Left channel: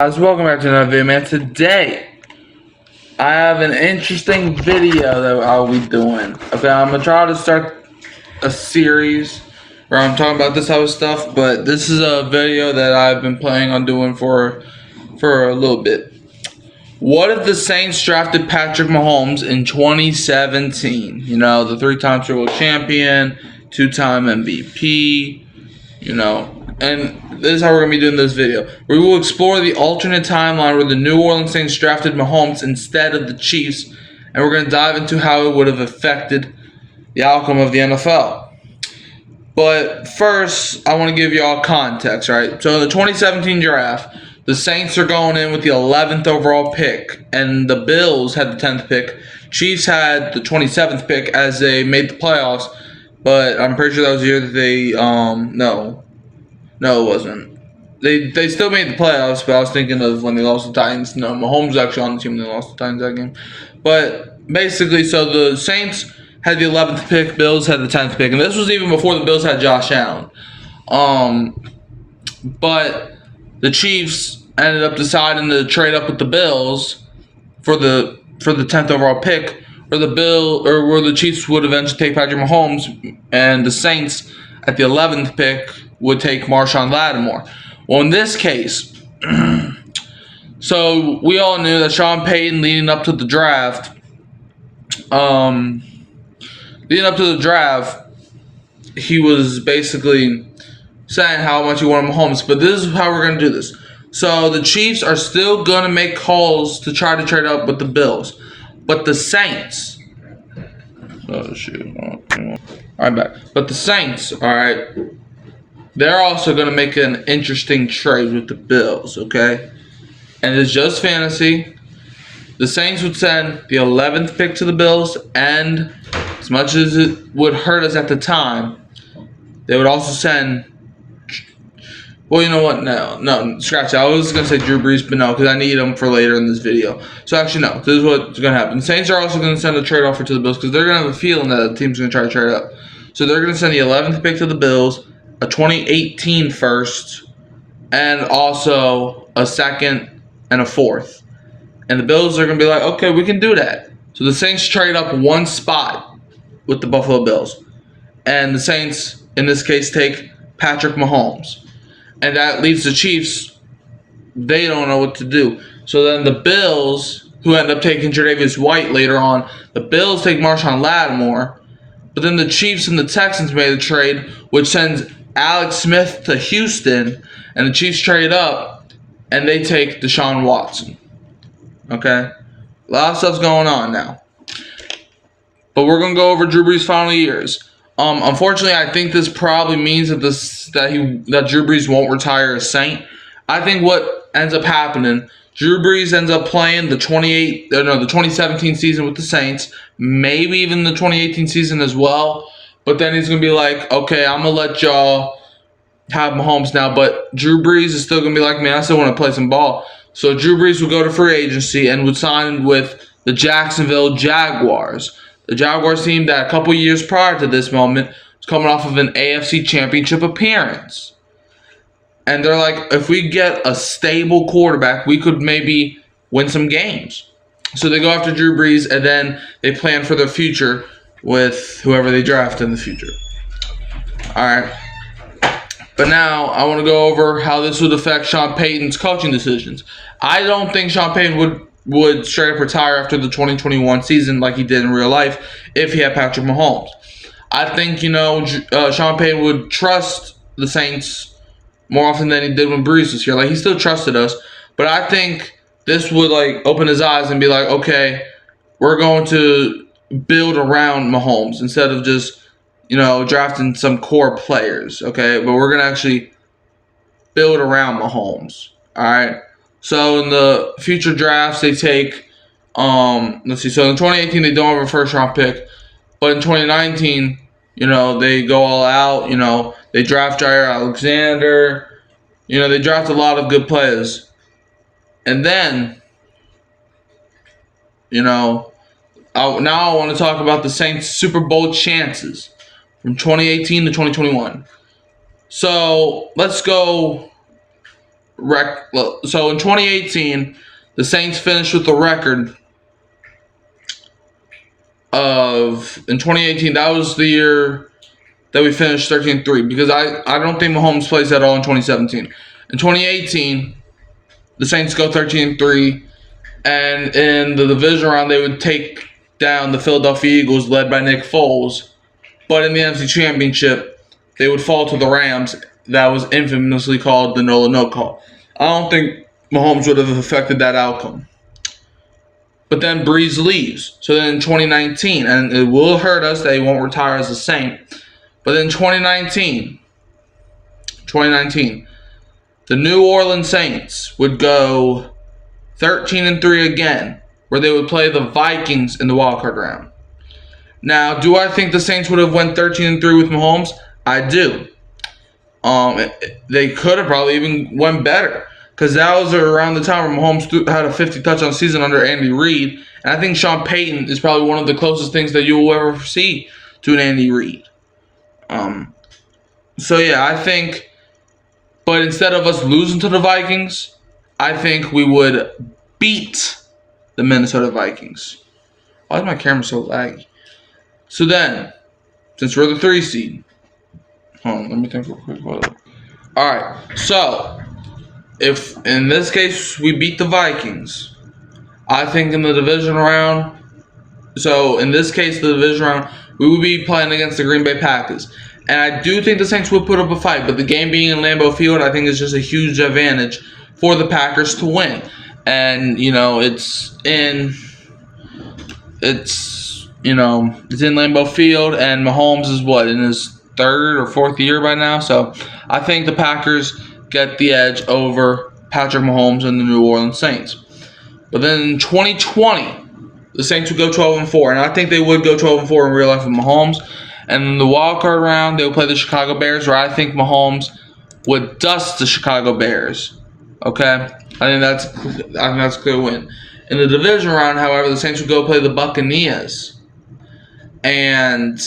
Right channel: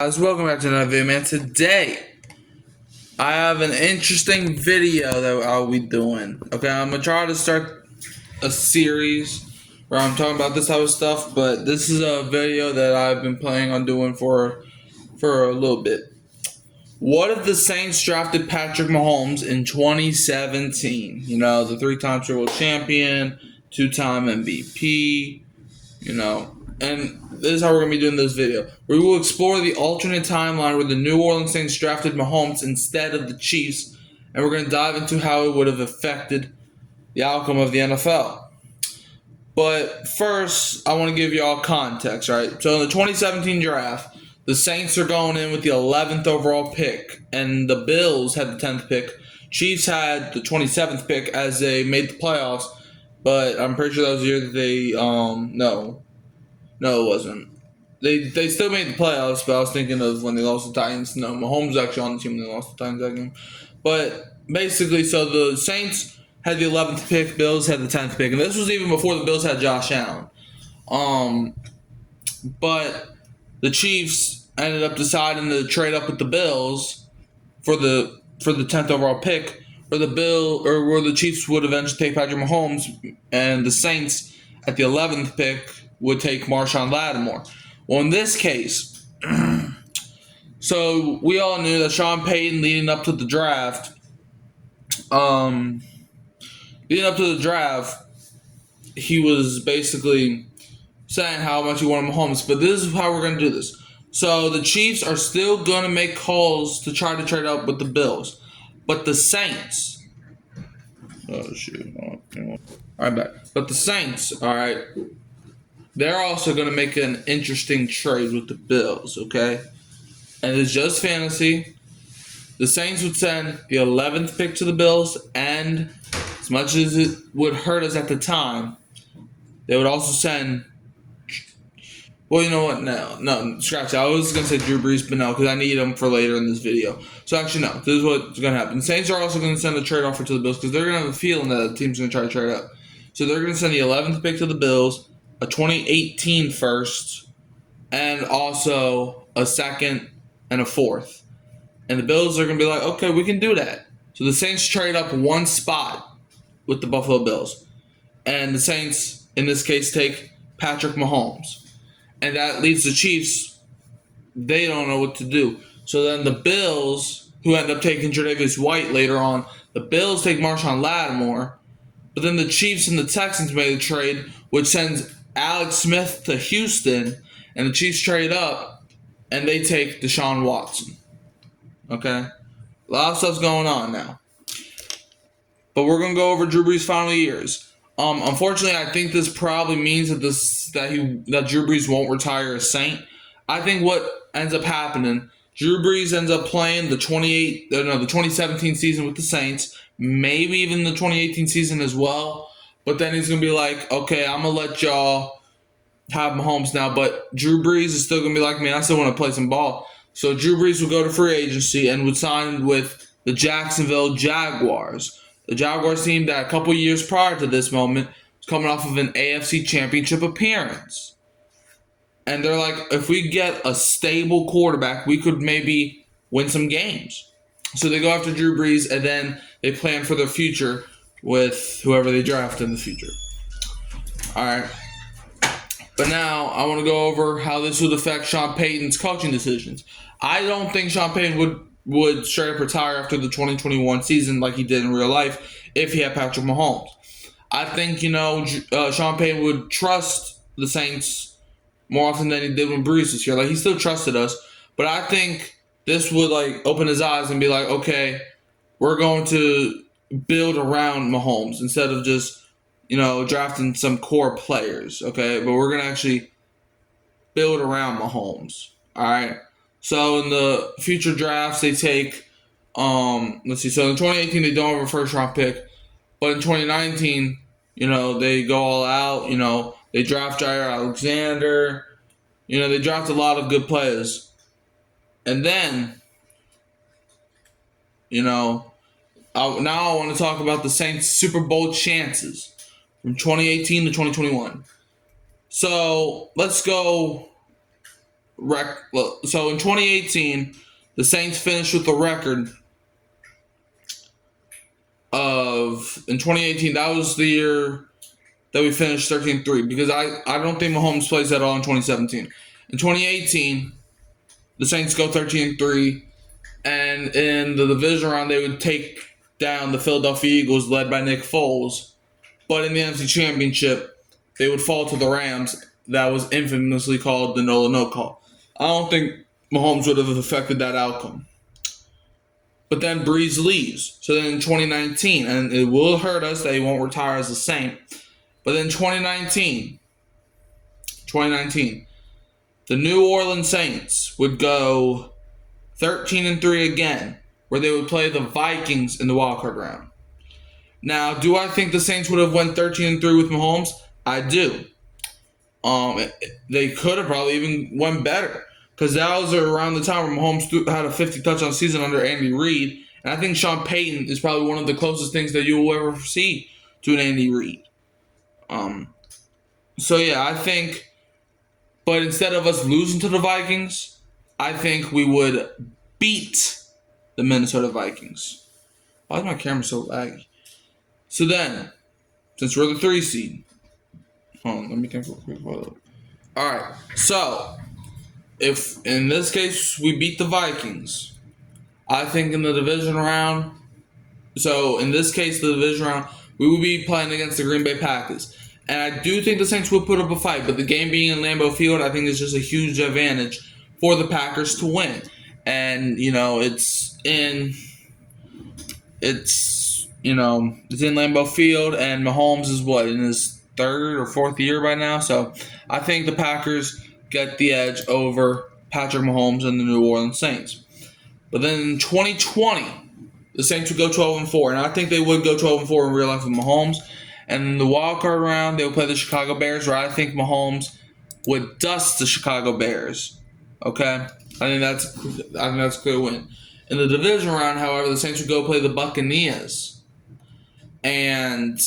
Guys, welcome back to another video, man. Today, I have an interesting video that I'll be doing. Okay, I'm gonna try to start a series where I'm talking about this type of stuff, but this is a video that I've been planning on doing for a little bit. What if the Saints drafted Patrick Mahomes in 2017? You know, the three-time Super Bowl champion, two-time MVP, and this is how we're going to be doing this video. We will explore the alternate timeline where the New Orleans Saints drafted Mahomes instead of the Chiefs, and we're going to dive into how it would have affected the outcome of the NFL. But first, I want to give you all context, right? So in the 2017 draft, the Saints are going in with the 11th overall pick, and the Bills had the 10th pick. Chiefs had the 27th pick as they made the playoffs, but I'm pretty sure that was the year that they, No, it wasn't. They still made the playoffs, but I was thinking of when they lost the Titans. No, Mahomes was actually on the team when they lost the Titans that game. But basically, so the Saints had the 11th pick, Bills had the 10th pick, and this was even before the Bills had Josh Allen. But the Chiefs ended up deciding to trade up with the Bills for the 10th overall pick, where the Chiefs would eventually take Patrick Mahomes, and the Saints at the 11th pick would take Marshon Lattimore. Well, in this case, so we all knew that Sean Payton leading up to the draft, he was basically saying how much he wanted Mahomes. But this is how we're going to do this. So the Chiefs are still going to make calls to try to trade up with the Bills. But the Saints... Oh, shoot. All right, back. But the Saints, all right... They're also going to make an interesting trade with the Bills, okay? And it's just fantasy. The Saints would send the 11th pick to the Bills, and as much as it would hurt us at the time, they would also send... Well, you know what? No, scratch that. I was going to say Drew Brees, but no, because I need him for later in this video. So actually, no. This is what's going to happen. The Saints are also going to send a trade offer to the Bills because they're going to have a feeling that the team's going to try to trade up. So they're going to send the 11th pick to the Bills, a 2018 first, and also a second and a fourth. And the Bills are going to be like, okay, we can do that. So the Saints trade up one spot with the Buffalo Bills. And the Saints, in this case, take Patrick Mahomes. And that leaves the Chiefs, they don't know what to do. So then the Bills, who end up taking Tre'Davious White later on, the Bills take Marshon Lattimore. But then the Chiefs and the Texans made a trade, which sends Alex Smith to Houston, and the Chiefs trade up, and they take Deshaun Watson. Okay? A lot of stuff's going on now. But we're going to go over Drew Brees' final years. Unfortunately, I think this probably means that Drew Brees won't retire a Saint. I think what ends up happening, Drew Brees ends up playing the 2017 season with the Saints, maybe even the 2018 season as well. But then he's going to be like, okay, I'm going to let y'all have Mahomes now. But Drew Brees is still going to be like, man, I still want to play some ball. So Drew Brees would go to free agency and would sign with the Jacksonville Jaguars. The Jaguars team that a couple years prior to this moment was coming off of an AFC Championship appearance. And they're like, if we get a stable quarterback, we could maybe win some games. So they go after Drew Brees, and then they plan for their future with whoever they draft in the future. All right. But now I want to go over how this would affect Sean Payton's coaching decisions. I don't think Sean Payton would straight up retire after the 2021 season like he did in real life if he had Patrick Mahomes. I think, Sean Payton would trust the Saints more often than he did when Brees was here. Like, he still trusted us. But I think this would, open his eyes and be like, okay, we're going to build around Mahomes instead of just, drafting some core players, okay? But we're going to actually build around Mahomes, all right? So in the future drafts, they take, so in 2018, they don't have a first-round pick. But in 2019, they go all out, they draft Jair Alexander, they draft a lot of good players. And then, now I want to talk about the Saints' Super Bowl chances from 2018 to 2021. So let's go So in 2018, the Saints finished with the record of, in 2018, that was the year that we finished 13-3, because I don't think Mahomes plays at all in 2017. In 2018, the Saints go 13-3, and in the division round, they would take down the Philadelphia Eagles, led by Nick Foles. But in the NFC Championship, they would fall to the Rams. That was infamously called the no call. I don't think Mahomes would have affected that outcome. But then Breeze leaves. So then in 2019, and it will hurt us that he won't retire as a Saint. But in 2019, the New Orleans Saints would go 13-3 again, where they would play the Vikings in the wildcard round. Now, do I think the Saints would have went 13-3 with Mahomes? I do. They could have probably even went better, because that was around the time where Mahomes had a 50 touchdown season under Andy Reid, and I think Sean Payton is probably one of the closest things that you will ever see to an Andy Reid. So yeah, I think, but instead of us losing to the Vikings, I think we would beat the Minnesota Vikings. Why is my camera so laggy? So then, since we're the 3 seed, hold on, let me think real quick. Alright, so if in this case we beat the Vikings, I think in the division round, so in this case, the division round, we would be playing against the Green Bay Packers. And I do think the Saints would put up a fight, but the game being in Lambeau Field, I think is just a huge advantage for the Packers to win. And, it's in Lambeau Field, and Mahomes is in his 3rd or 4th year by now. So I think the Packers get the edge over Patrick Mahomes and the New Orleans Saints. But then in 2020, the Saints would go 12-4, and I think they would go 12-4 in real life with Mahomes. And in the wild card round, they would play the Chicago Bears, where I think Mahomes would dust the Chicago Bears. Okay, I think that's a clear win. In the division round, however, the Saints would go play the Buccaneers, and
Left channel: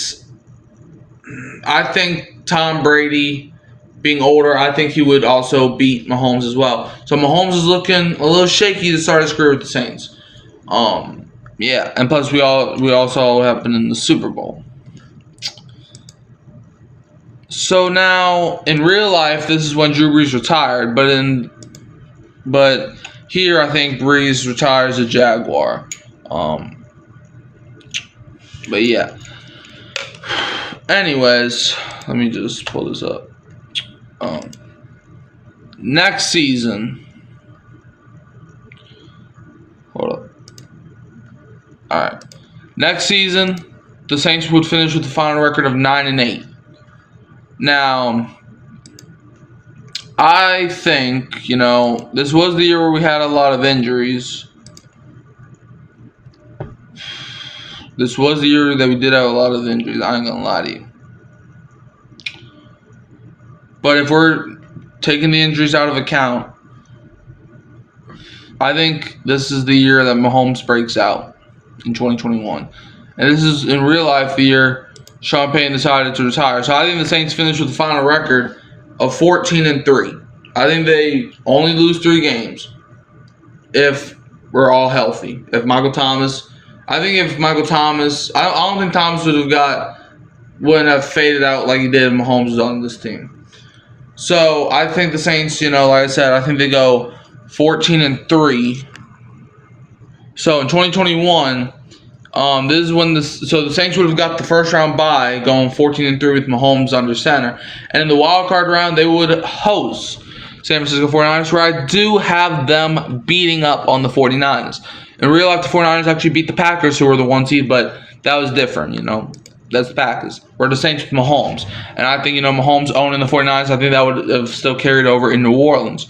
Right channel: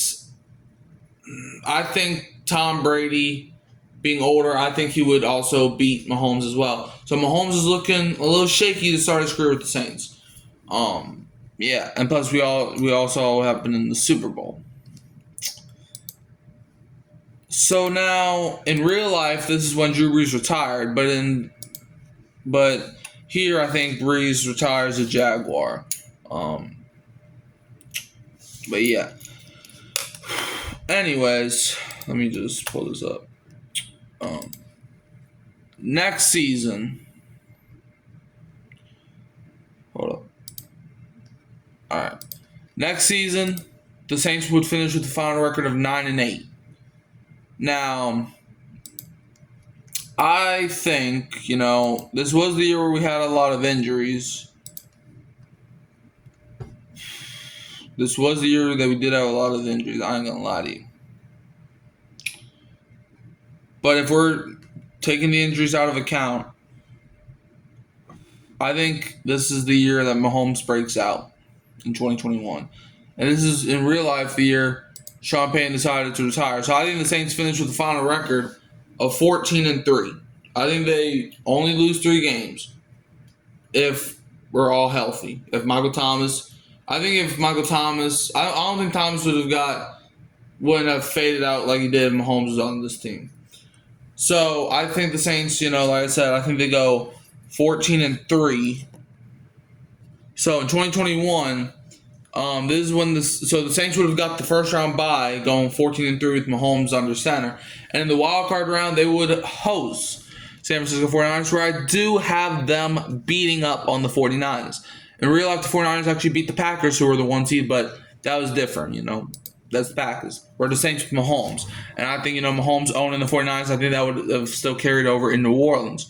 I think Tom Brady, being older, I think he would also beat Mahomes as well. So Mahomes is looking a little shaky to start his career with the Saints. Yeah, and plus we all saw what happened in the Super Bowl. So now, in real life, this is when Drew Brees retired, but here I think Brees retires a Jaguar. But yeah. Anyways, let me just pull this up. Next season. Hold up. Alright. Next season, the Saints would finish with the final record of 9-8. Now, I think, this was the year where we had a lot of injuries. This was the year that we did have a lot of injuries. I ain't gonna lie to you. But if we're taking the injuries out of account, I think this is the year that Mahomes breaks out in 2021. And this is, in real life, the year Sean Payton decided to retire. So I think the Saints finished with the final record of 14-3. I think they only lose 3 games if we're all healthy. I don't think Thomas wouldn't have faded out like he did if Mahomes was on this team. So I think the Saints, like I said, I think they go 14-3. So in 2021, this is when the Saints would have got the first round bye, going 14-3 with Mahomes under center, and in the wild card round they would host San Francisco 49ers, where I do have them beating up on the 49ers. In real life, the 49ers actually beat the Packers, who were the 1 seed, but that was different, That's the Packers. We're the Saints with Mahomes. And I think, Mahomes owning the 49ers, I think that would have still carried over in New Orleans.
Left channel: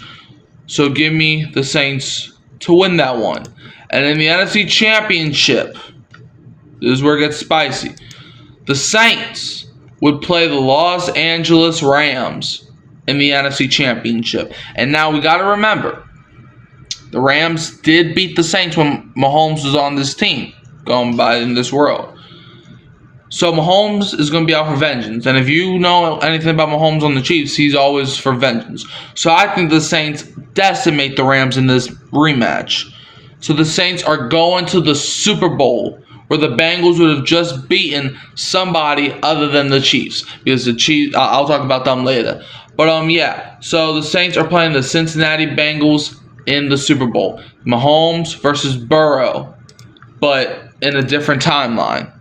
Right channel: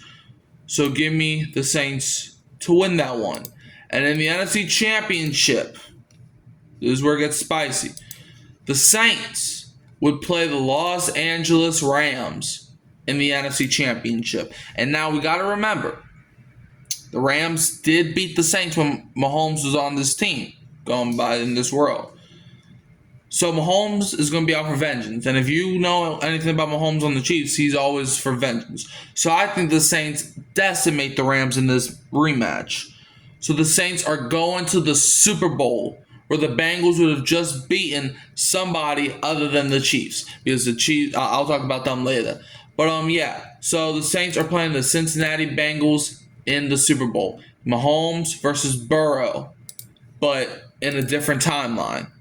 So give me the Saints to win that one. And in the NFC Championship, this is where it gets spicy. The Saints would play the Los Angeles Rams in the NFC Championship. And now we got to remember, the Rams did beat the Saints when Mahomes was on this team, going by in this world. So Mahomes is going to be out for vengeance. And if you know anything about Mahomes on the Chiefs, he's always for vengeance. So I think the Saints decimate the Rams in this rematch. So the Saints are going to the Super Bowl, where the Bengals would have just beaten somebody other than the Chiefs. Because the Chiefs, I'll talk about them later. But yeah, so the Saints are playing the Cincinnati Bengals in the Super Bowl. Mahomes versus Burrow, but in a different timeline.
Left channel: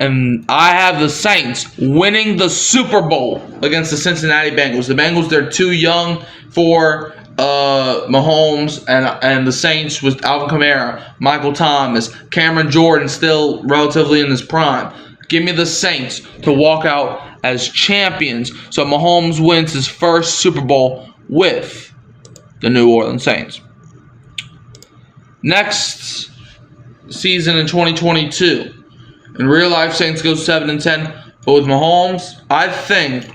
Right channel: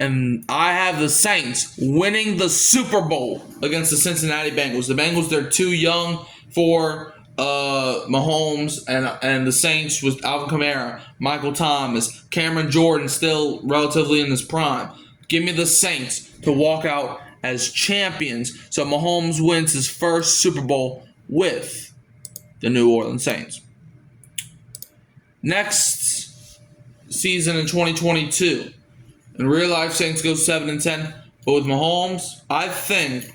And I have the Saints winning the Super Bowl against the Cincinnati Bengals. The Bengals, they're too young for Mahomes, and the Saints with Alvin Kamara, Michael Thomas, Cameron Jordan still relatively in his prime. Give me the Saints to walk out as champions. So Mahomes wins his first Super Bowl with the New Orleans Saints. Next season in 2022, in real life, Saints go 7-10, but with Mahomes, I think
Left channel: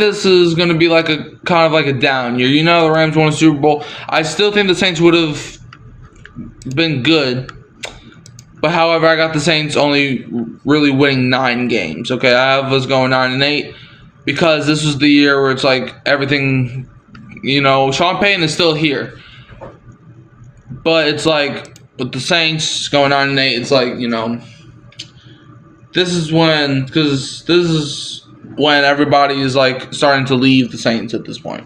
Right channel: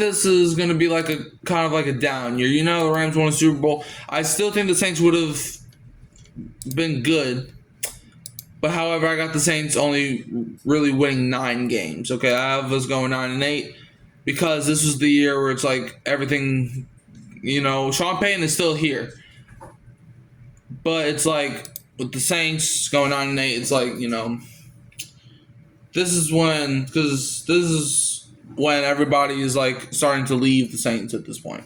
this is going to be like a kind of like a down year. You know, the Rams won a Super Bowl. I still think the Saints would have been good. But however, I got the Saints only really winning 9 games. Okay, I have us going 9-8 because this was the year where it's like everything, you know, Sean Payton is still here. But it's like with the Saints going 9-8, it's like, you know, this is when everybody is like starting to leave the Saints at this point.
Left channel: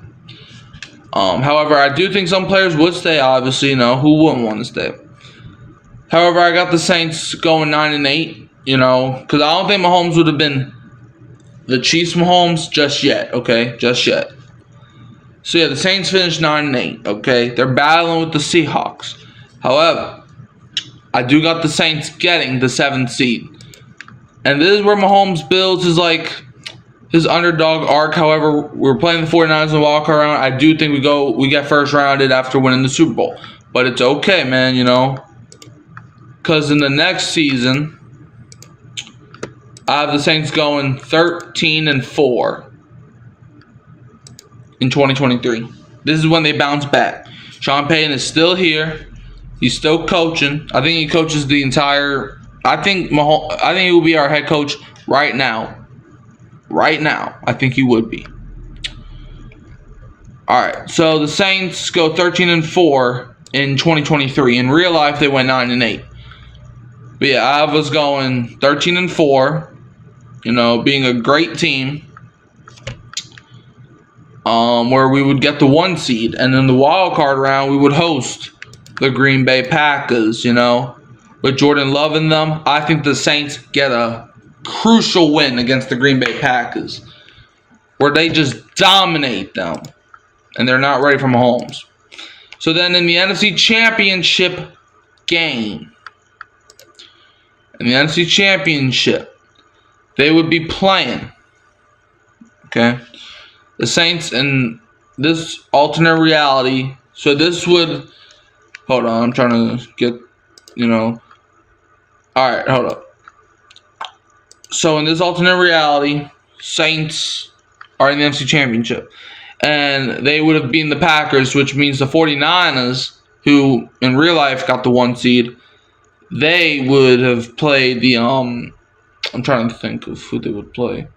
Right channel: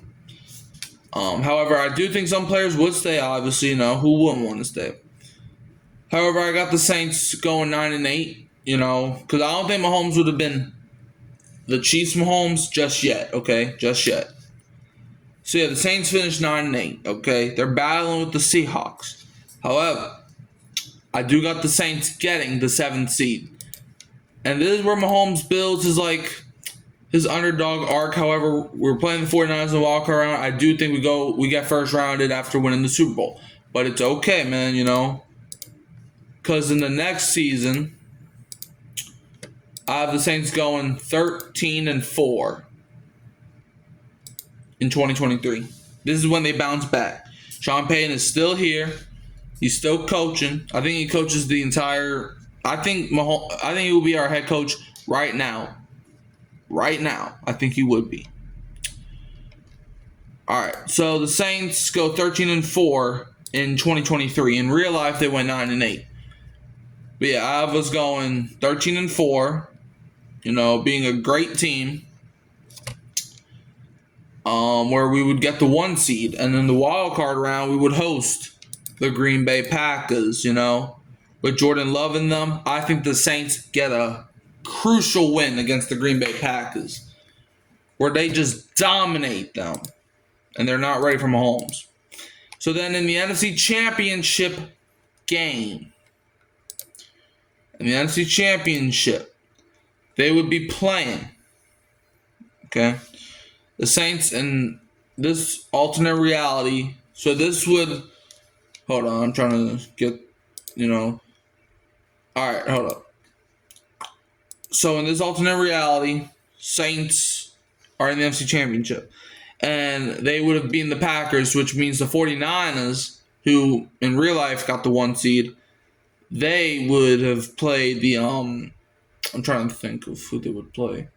However, I do think some players would stay. Obviously, you know, who wouldn't want to stay? However, I got the Saints going 9-8. You know, because I don't think Mahomes would have been the Chiefs Mahomes just yet. Okay, just yet. So yeah, the Saints finished 9-8. Okay, they're battling with the Seahawks. However, I do got the Saints getting the 7th seed, and this is where Mahomes builds his underdog arc. However, we're playing the 49ers in the wild card round. I do think we get first rounded after winning the Super Bowl. But it's okay, man, you know. Because in the next season, I have the Saints going 13-4 in 2023. This is when they bounce back. Sean Payton is still here. He's still coaching. I think he coaches the entire. I think he will be our head coach right now. Right now, I think he would be. All right, so the Saints go 13-4 in 2023. In real life, they went 9-8. But yeah, I was going 13-4. You know, being a great team. Where we would get the 1 seed, and in the wild card round, we would host the Green Bay Packers. You know, with Jordan Love in them, I think the Saints get a crucial win against the Green Bay Packers, where they just dominate them, and they're not ready for Mahomes. So then in the NFC Championship game, they would be playing, okay, the Saints in this alternate reality. So this would, hold on, I'm trying to get, you know, all right, hold up. So in this alternate reality, Saints are in the NFC Championship. And they would have beaten the Packers, which means the 49ers, who in real life got the 1 seed, they would have played the, I'm trying to think of who they would play.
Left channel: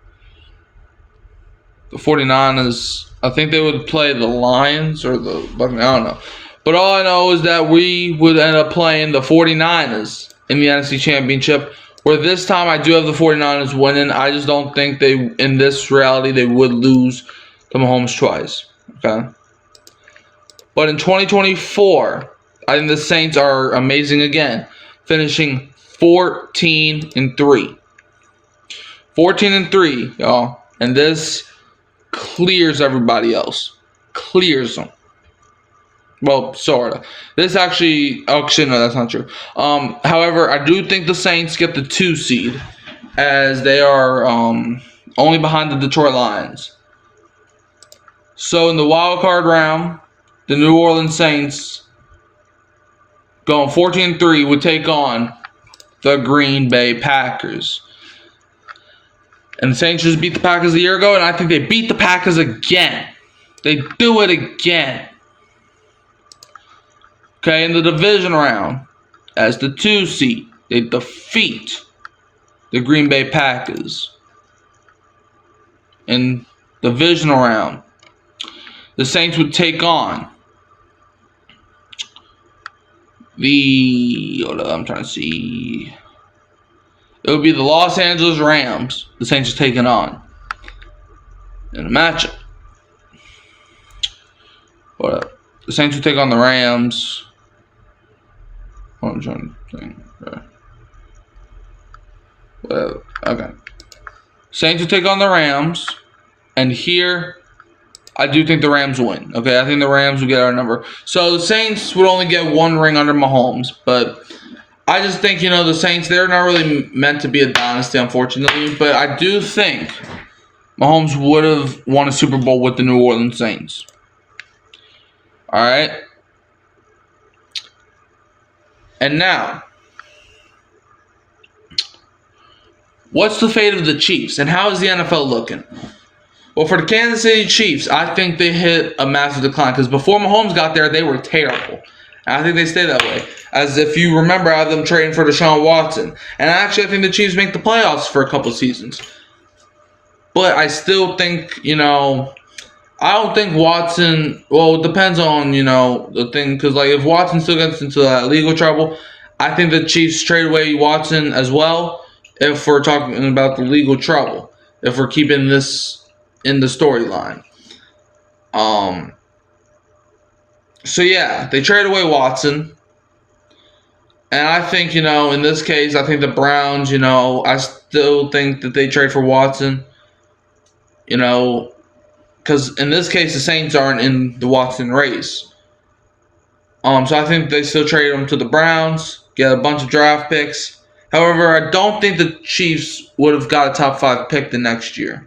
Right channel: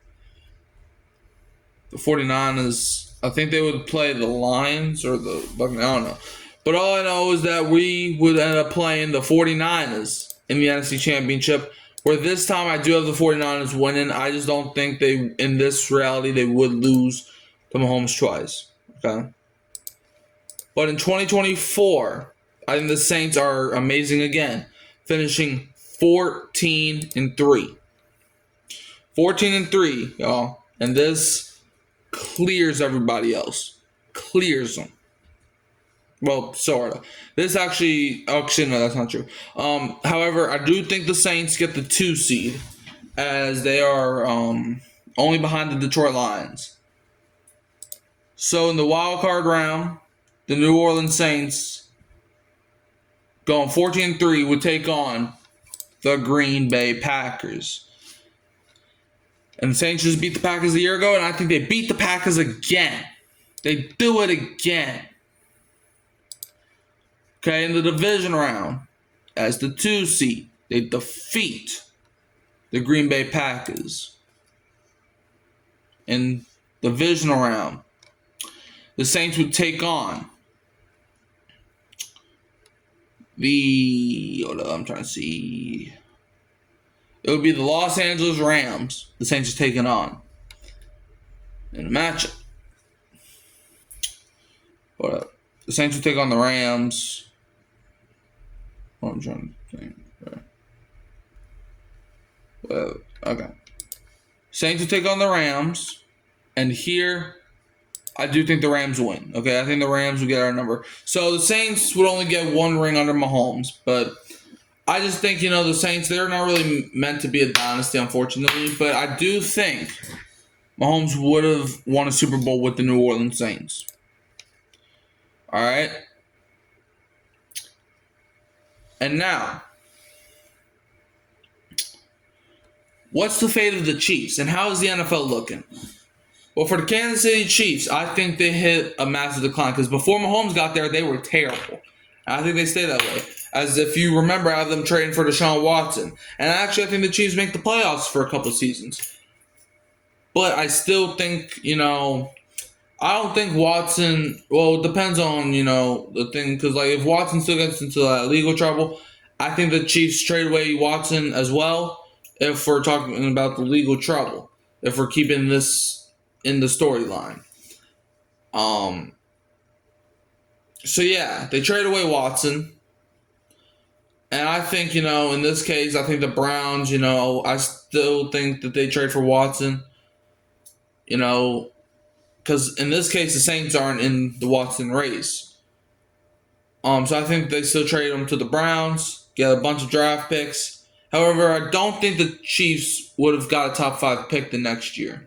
The 49ers, I think they would play the Lions or the, I don't know. But all I know is that we would end up playing the 49ers in the NFC Championship, where this time I do have the 49ers winning. I just don't think in this reality, they would lose to Mahomes twice. Okay? But in 2024, I think the Saints are amazing again, finishing 14-3. 14-3, y'all. And this clears everybody else. Clears them. Well, sort of. This actually no, that's not true. However, I do think the Saints get the 2 seed, as they are only behind the Detroit Lions. So in the wild card round, the New Orleans Saints, going 14-3, would take on the Green Bay Packers. And the Saints just beat the Packers a year ago, and I think they beat the Packers again. They do it again. Okay, in the division round, as the 2 seed, they defeat the Green Bay Packers. In the divisional round, the Saints would take on I'm trying to see. It would be the Los Angeles Rams. The Saints are taking on in a matchup. The Saints would take on the Rams. I'm trying to think. Okay. Saints would take on the Rams, and here I do think the Rams win. Okay, I think the Rams will get our number. So the Saints would only get one ring under Mahomes, but I just think, the Saints, they're not really meant to be a dynasty, unfortunately. But I do think Mahomes would have won a Super Bowl with the New Orleans Saints. All right. And now, what's the fate of the Chiefs, and how is the NFL looking? Well, for the Kansas City Chiefs, I think they hit a massive decline because before Mahomes got there, they were terrible. And I think they stay that way. As if you remember, I have them trading for Deshaun Watson. And actually, I think the Chiefs make the playoffs for a couple seasons. But I still think, I don't think Watson, well, it depends on, the thing. Because, if Watson still gets into that legal trouble, I think the Chiefs trade away Watson as well if we're talking about the legal trouble. If we're keeping this in the storyline. So yeah, they trade away Watson. And I think, in this case, I think the Browns, I still think that they trade for Watson. Because in this case, the Saints aren't in the Watson race. So I think they still trade him to the Browns, get a bunch of draft picks. However, I don't think the Chiefs would have got a top 5 pick the next year.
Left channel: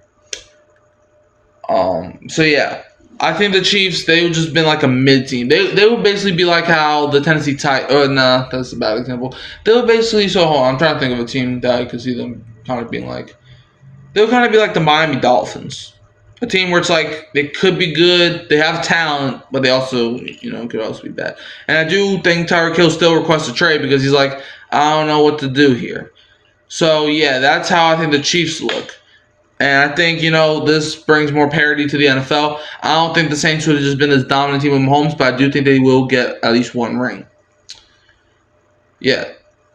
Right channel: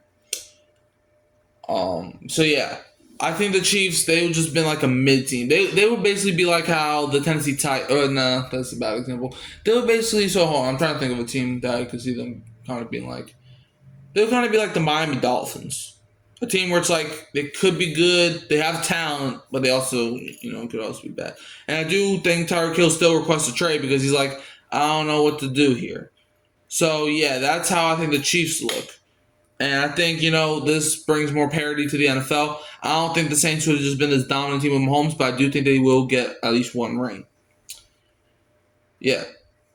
So yeah, I think the Chiefs, they would just been like a mid team. They would basically be like how the Tennessee Titans. That's a bad example. They would basically. So hold on, I'm trying to think of a team that I could see them kind of being like. They would kind of be like the Miami Dolphins, a team where it's like they could be good, they have talent, but they also could also be bad. And I do think Tyreek Hill still requests a trade because he's like, I don't know what to do here. So yeah, that's how I think the Chiefs look. And I think, this brings more parity to the NFL. I don't think the Saints would have just been this dominant team with Mahomes, but I do think they will get at least one ring. Yeah.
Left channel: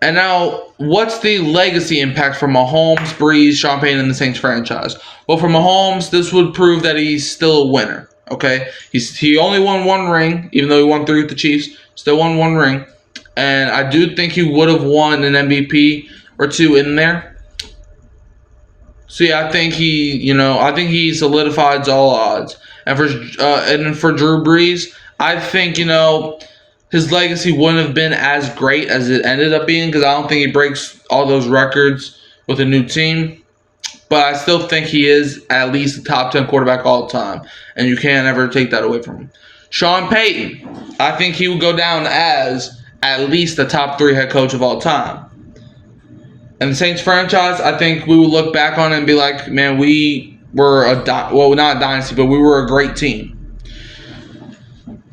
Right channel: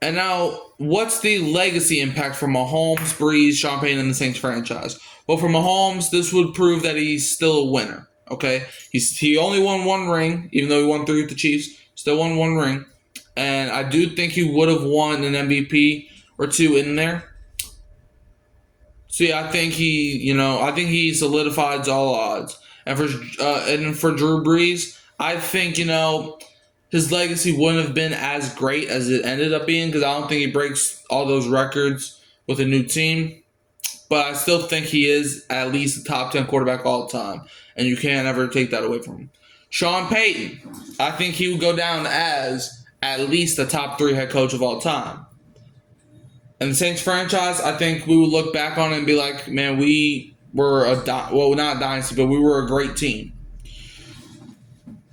And now, what's the legacy impact for Mahomes, Brees, Sean Payton, and the Saints franchise? Well, for Mahomes, this would prove that he's still a winner, okay? He only won one ring, even though he won 3 with the Chiefs. Still won one ring. And I do think he would have won an MVP or 2 in there. So yeah, I think he solidifies all odds. And for Drew Brees, I think his legacy wouldn't have been as great as it ended up being because I don't think he breaks all those records with a new team. But I still think he is at least a top 10 quarterback all the time, and you can't ever take that away from him. Sean Payton, I think he would go down as at least the top 3 head coach of all time. And the Saints franchise, I think we would look back on it and be like, man, we were not a dynasty, but we were a great team.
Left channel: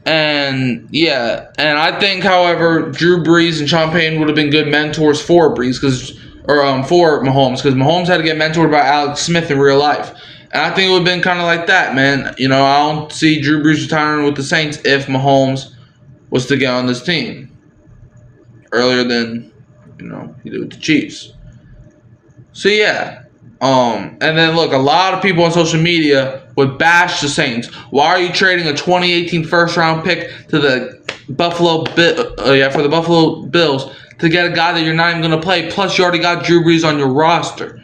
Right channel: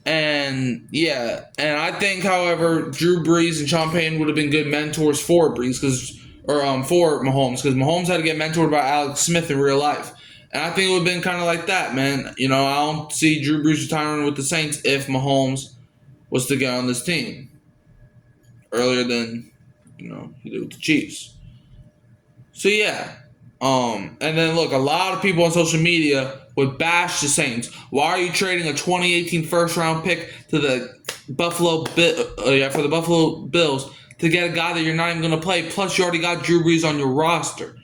And yeah, and I think, however, Drew Brees and Sean Payton would have been good mentors for Brees for Mahomes, because Mahomes had to get mentored by Alex Smith in real life. And I think it would have been kind of like that, man. I don't see Drew Brees retiring with the Saints if Mahomes was to get on this team earlier than he did with the Chiefs. So yeah, and then look, a lot of people on social media would bash the Saints. Why are you trading a 2018 first round pick to the Buffalo Bills to get a guy that you're not even gonna play? Plus, you already got Drew Brees on your roster.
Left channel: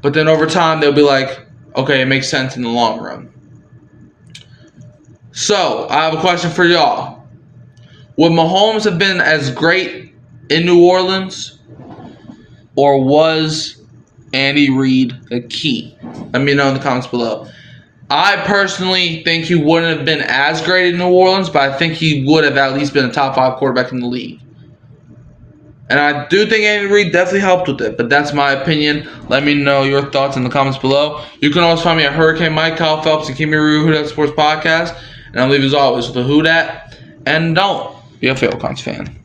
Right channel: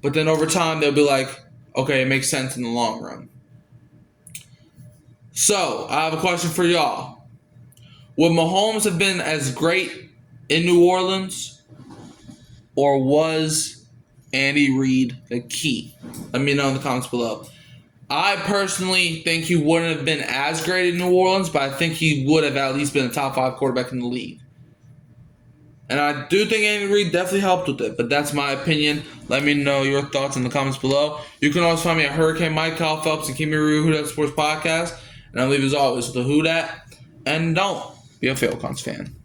But then over time, they'll be like, okay, it makes sense in the long run. So I have a question for y'all. Would Mahomes have been as great in New Orleans, or was Andy Reid the key? Let me know in the comments below. I personally think he wouldn't have been as great in New Orleans, but I think he would have at least been a top 5 quarterback in the league. And I do think Andy Reid definitely helped with it, but that's my opinion. Let me know your thoughts in the comments below. You can always find me at Hurricane Mike, Kyle Phelps, and keep me real Who Dat Sports Podcast. And I'll leave as always with a Who Dat. And don't be a Falcons fan.